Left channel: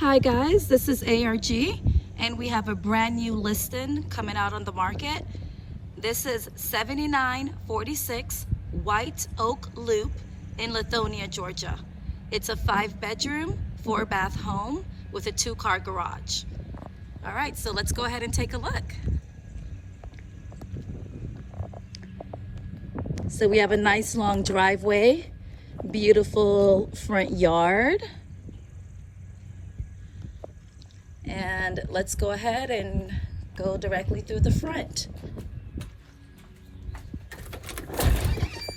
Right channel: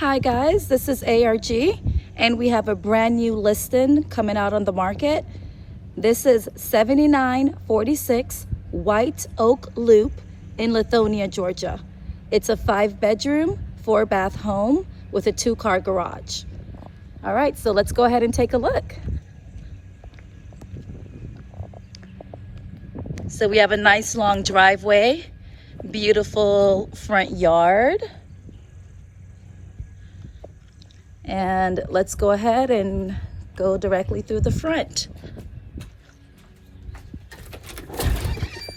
Hi guys, this is ARG and we have a brand new listing coming out on the market. This is 7946 White Oak Loop in Lithonia, Georgia. It's a 5-bedroom, 4-bath home with a 2-car garage. All right, so let's go ahead and take a look. So we have a nice long driveway, beautiful front yard. And let's go ahead and go directly through the front.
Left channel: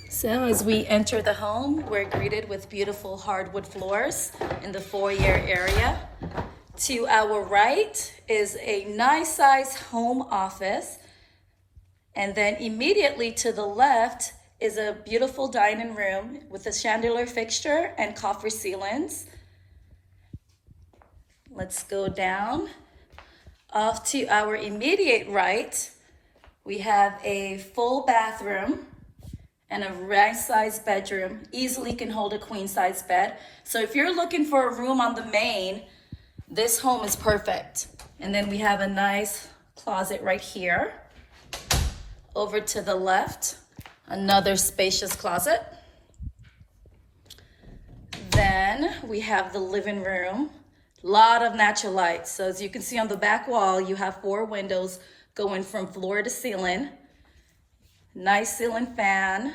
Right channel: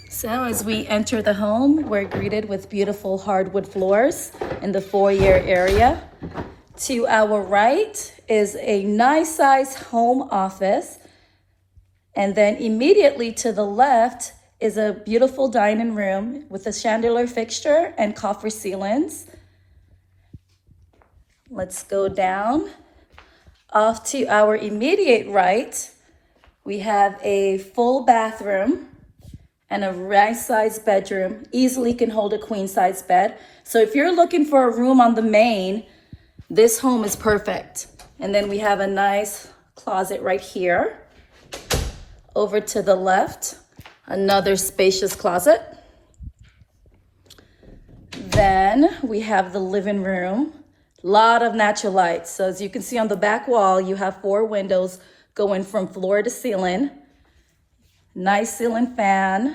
So as we enter the home, we're greeted with beautiful hardwood floors in the foyer area. To our right is a nice size home office. And then immediately to the left is a beautiful dining room with a chandelier fixture and coffer ceilings. Let's go down. Off to our immediate right, we have a full bathroom and a right-sized bedroom. Easily can hold a queen-size bed. So if you're looking for a room on the main, this home is perfect. And then we have a nice closet right here. Over to the left, another spacious closet. Then we have the living room. Lot of natural light. So as you can see on the back wall, you have 4 windows going from floor to ceiling. Nice ceiling fan,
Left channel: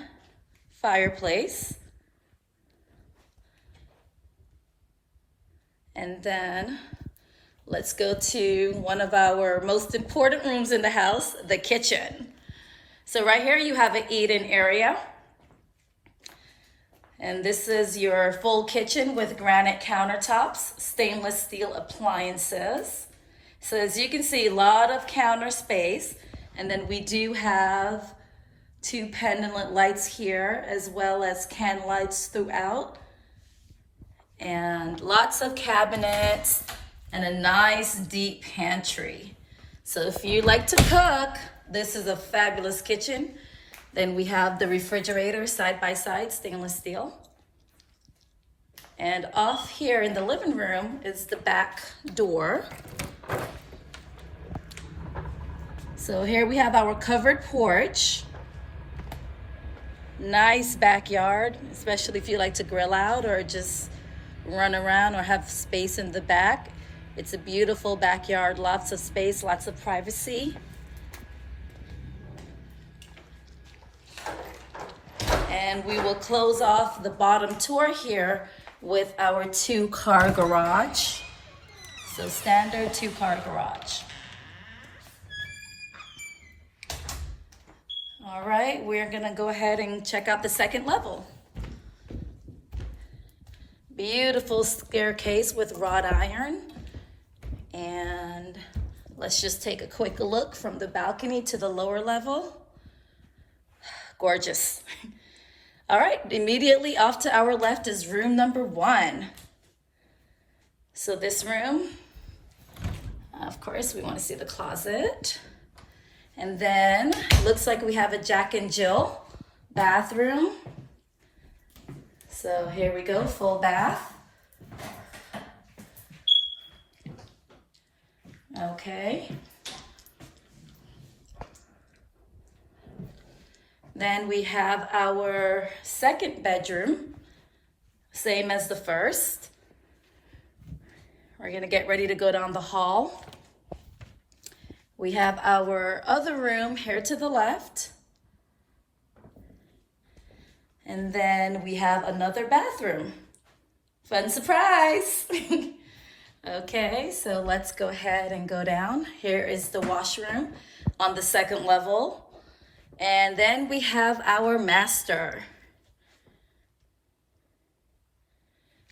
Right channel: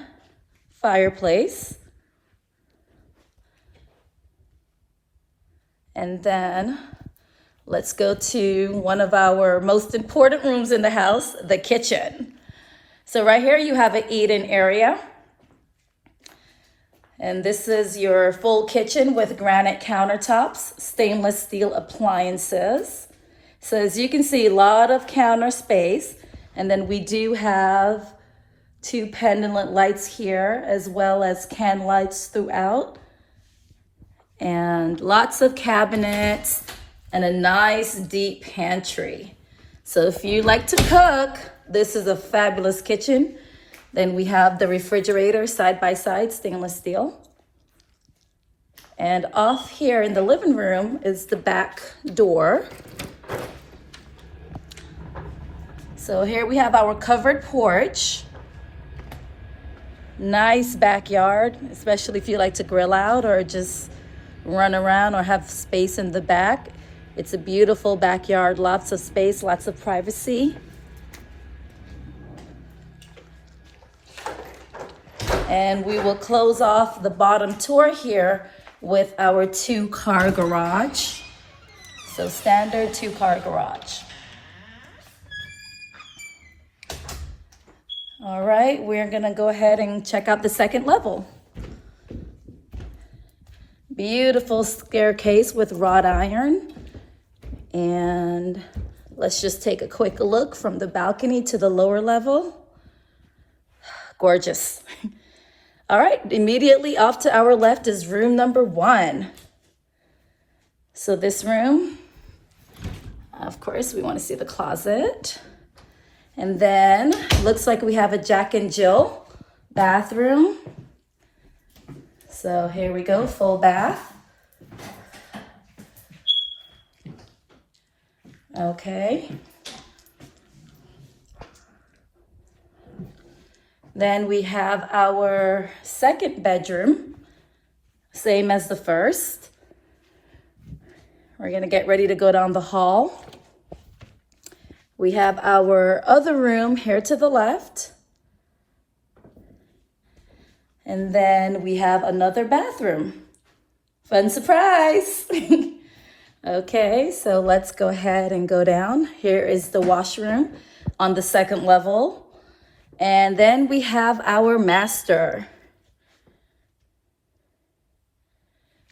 fireplace. And then let's go to one of our most important rooms in the house, the kitchen. So right here you have an eat-in area. And this is your full kitchen with granite countertops, stainless steel appliances. So as you can see, a lot of counter space. And then we do have 2 pendant lights here, as well as can lights throughout. And lots of cabinets and a nice deep pantry. So if you like to cook, this is a fabulous kitchen. Then we have the refrigerator side by side, stainless steel. And off here in the living room is the back door. So here we have our covered porch. Nice backyard, especially if you like to grill out or just run around or have space in the back. It's a beautiful backyard, lots of space, lots of privacy. And we will close off the bottom tour here with our 2-car garage. So standard 2-car garage. All right, we're gonna go ahead and check out the second level. Beautiful staircase with wrought iron. And let's just take a quick look from the balcony to the lower level. Gorgeous. All right, immediately off to our left is room number 1. So this room, of course, we want to see the closet. And then looks like we have a Jack and Jill bathroom. So here we go, full bath. Okay. Then we have our second bedroom, same as the first. We're gonna get ready to go down the hall. We have our other room here to the left. And then we have another bathroom. Fun surprise. Okay, so let's go ahead and go down. Here is the washroom on the second level. And then we have our master.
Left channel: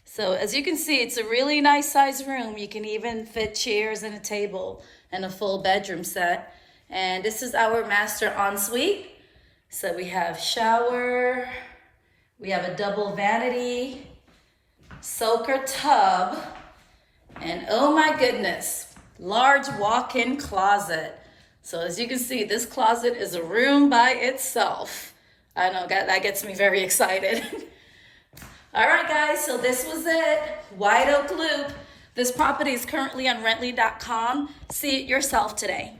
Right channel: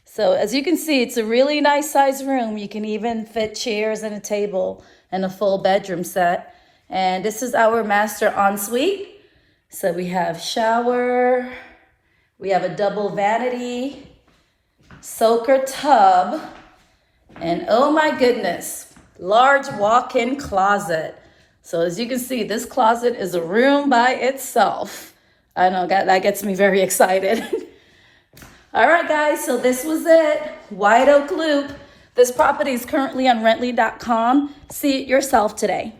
So as you can see, it's a really nice size room. You can even fit chairs and a table and a full bedroom set. And this is our master ensuite. So we have shower, we have a double vanity, soaker tub, and oh my goodness, large walk-in closet. So as you can see, this closet is a room by itself. I know that gets me very excited. All right, guys, so this was it. White Oak Loop, This property is currently on rently.com. See it yourself today.